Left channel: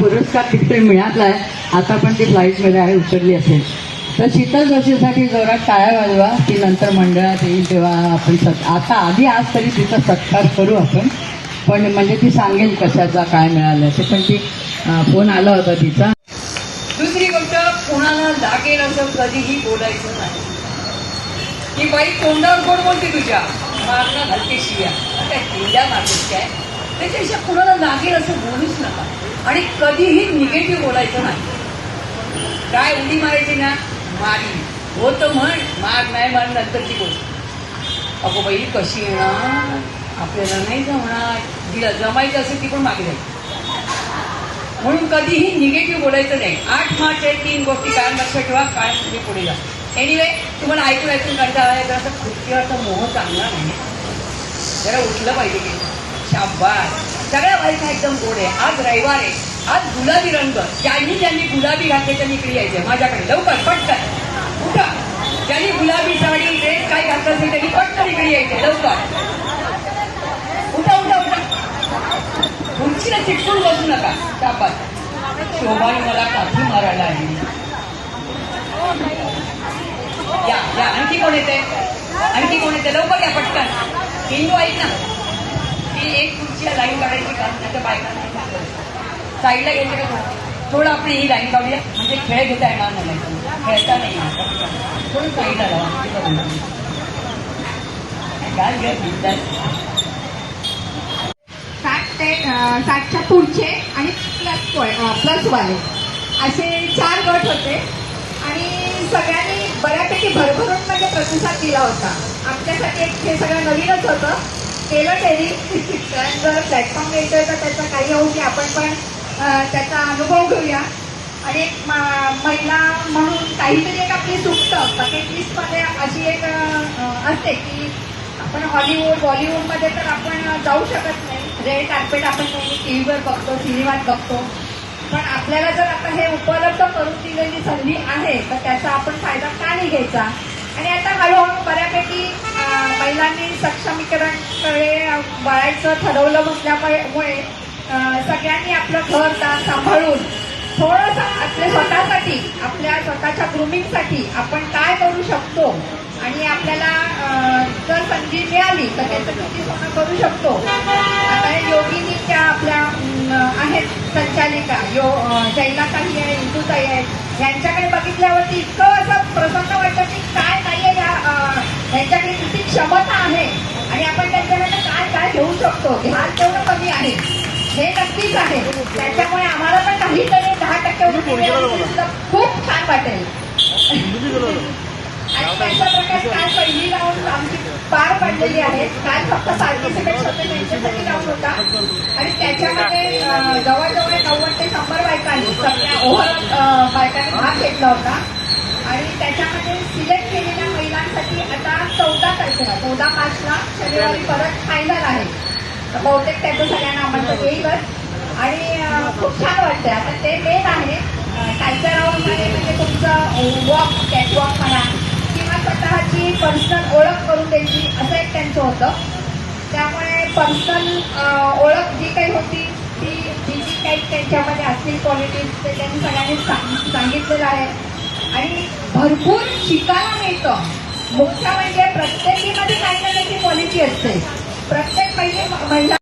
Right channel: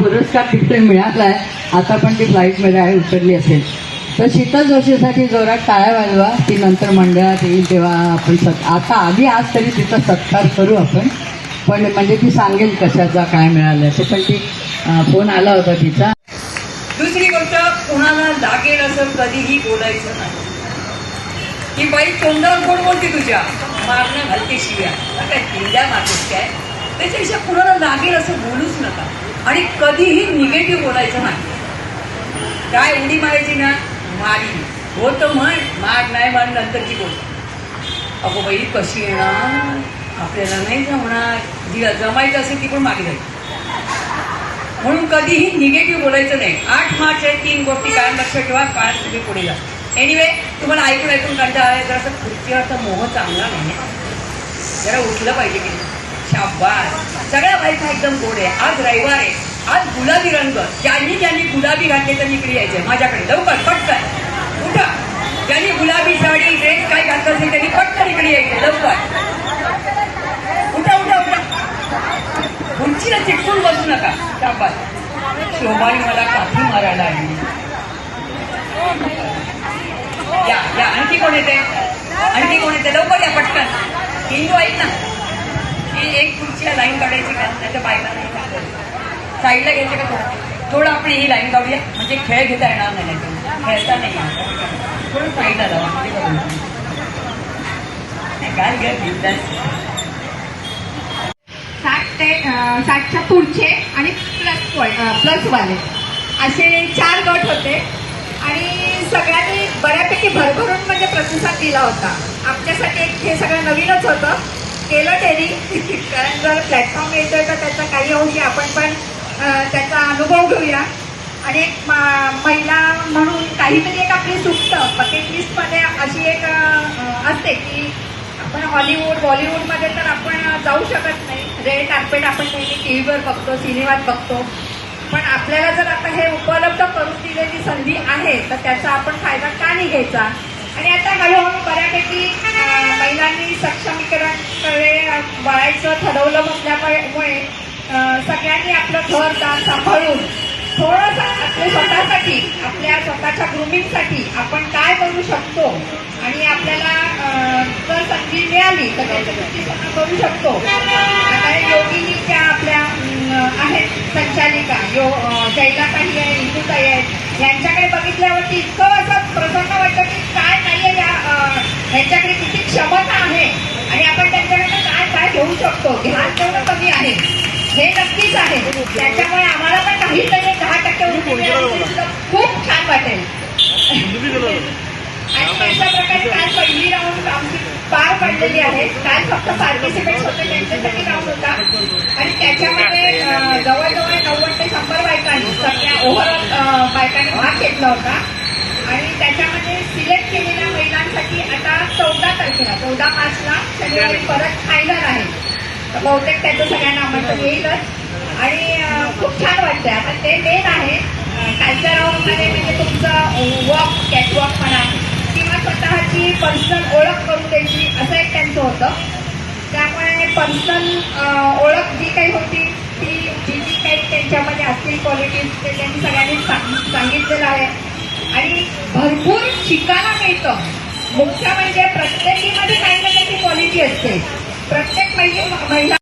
पुरस्कार तिकडे मिळालाय, आता पण ती फ्लाईटमध्ये आहे, उतरली असेल. तर शीतल जोशीसाठी जोरात टाळ्या वाजवा. ती नंतर मंडळात येईल तेव्हा आपण आता आधी आज तरी तिचा सत्कार करू आपण. पण म्हणजे ती सांगेल कशाचा काय मिळालं ते. पण ती फोन आला होता तिचा. दुसरी गोष्ट, कोणाला लागेल असं कधीही बोलायचं नाही. ती बाई तोंडावर कोण बोलते तुझ्या, मारणं घालते शिव्या, आता किल्ल्या मारतेस काय, त्याच्यापेक्षा कुणाला लागेल असं बोलूच नका. आणि कधीही निगेटिव्ह बोलायचं नाही. काय उडी मारायची ना, मारी हो तर म्हण, मार नाही मार नंतरची गोष्ट. अगो बाई कशी येणार, आपल्याला नाही जमणार, जिला जमायचं असेल ती पण मागे जाईल. म्हणून कधीही निगेटिव्ह बोलायचं नाही. 8 मार्च आहे, 3 गोष्टी कायम लक्षात ठेवा, कायम तुम्ही पुढे जा. एनिवे, तुम्हाला ऐकून कंटाळा आहे, जरा खुर्चीवरचा मोह चांगला नाही, जरा उठलं पाहिजे की. शाबास, सगळ्या बायका एकदम गोड आहे. आज रविवार आहे, आज गुलाबी रंग, ज्यांनी गुलाबी घातले त्यांनी इकडे यायचंय माझ्याकडे, लवकर पटकन उठा. ज्यांनी गुलाबी साडी ड्रेस काय घातलं असेल त्यांनी पटकन इकडे यायचंय, लवकर उठा उठा उठा. खुर्चीला चिटकून बसू नका. शाबास, शोभाने मला काठी मारायला आली. या आणखी कोण येते, आणखी कोण येते, लवकर या पटकन. हिंदू आहेत ना, ती एक खुर्चीला लाईन काढायची का, त्याच्या बायका साईडला घ्यायचं का, थोडं आपण ही लाईन काढूया, म्हणजे खेळ घेता येणार नाही, खेळता नाही येणार, थोडं साईडला लावा. काय घ्या 60च्या पुढचे आणि प्लस वाले असे 4 गट होते. आणि सगळ्यांनी बऱ्यापैकी भरभरून म्हणजे प्रतिसाद दिला होता. आमच्यासाठी हे सगळं नवीनच होतं, केलं त्यांनी. कारण जर प्लॅटफॉर्म मिळतोय तर त्याचा काही अंशी आपण पण त्याचा अनुभव घेऊया. आणि एक महिला म्हणून काहीतरी एक आपली चुकतं बकेट लिस्टमध्ये अशी एक असते की आपण हॉलिवूड बॉलिवूडमध्ये तर आपण जाऊ शकत नाही. रेड कार्पेट आपण नेहमी टीव्हीवर बघतो, सिनेमात बघतो. पण आपल्याला जर आता हे उपलब्ध करून दिलेली संधी आहे तर त्याचा आपण फायदा का नाही घ्यायचा. आणि आता हळूहळू बऱ्यापैकी महिलांनी सक्षमीकरणाकडे वळायचं ठरवलं म्हटल्यामुळे सगळ्यांनी आपलं घरदार सांभाळून थोडंसं आपल्या स्वतःसाठी, आपल्या स्वतःच्या ग्रूमिंगसाठी आपण काय करू शकतो आणि आपल्याला जर संधी मिळाली तर त्याची कृती स्वतः करू शकतो. आता योगिनी ज्या आपल्या आहेत संचालिका, शैलाताई आहे, इंदूताई आहेत, यांच्याकडे बघितल्यावरती इतकं असं प्रसन्न वाटतं की काय नाहीये, यांच्याकडे किती क्षमता आहे आणि आपण त्यांच्याकडे काय काय घेऊ शकतो. ध्यान तेवढं कमी आहे हे नक्कीच आहे. त्याच्यामुळे आम्हाला पण काहीतरी 10% खूप छान वाटेल. आणि अशा प्रकारे काल पहिली राऊंड आमची पार पडलेली आहे. काल फक्त पार्टिसिपेट्स होते, त्यांच्यासाठी राऊंड होता आणि त्याच्यामध्ये जवळजवळ 90 ते 100 बायकांनी, सगळ्या ओव्हरऑल बायकांनी भाग घेतला होता. आणि त्याच्यामध्ये सिलेक्ट केलेल्या महिलांसाठी आता 14 तारखेला 14 मार्चला शनिवारी परत फायनल आहे. बहुतेक त्याचं सगळ्यांना आमंत्रण येईलच आणि खूप छान वाटतंय. आता ते मेन आहे. कालच्या राऊंडमध्ये म्हणजे तुमचं वॉक, कॅटवॉक म्हणा किंवा स्वतःची पर्सनल ओळख करून द्यायची असं एक त्यांचं होतं. त्यामुळे पर्सनल ओळख जी काही होती ती जी काही त्यांच्यामध्ये असतील क्वालिटीज ते त्यांनी सगळ्यांनी सांगितलेलं आहे. आणि भरपूर शिकायला मिळतं. मुख्य म्हणजे प्रत्येकीमध्ये काही ना काही क्वालिटी असते. प्रत्येक महिला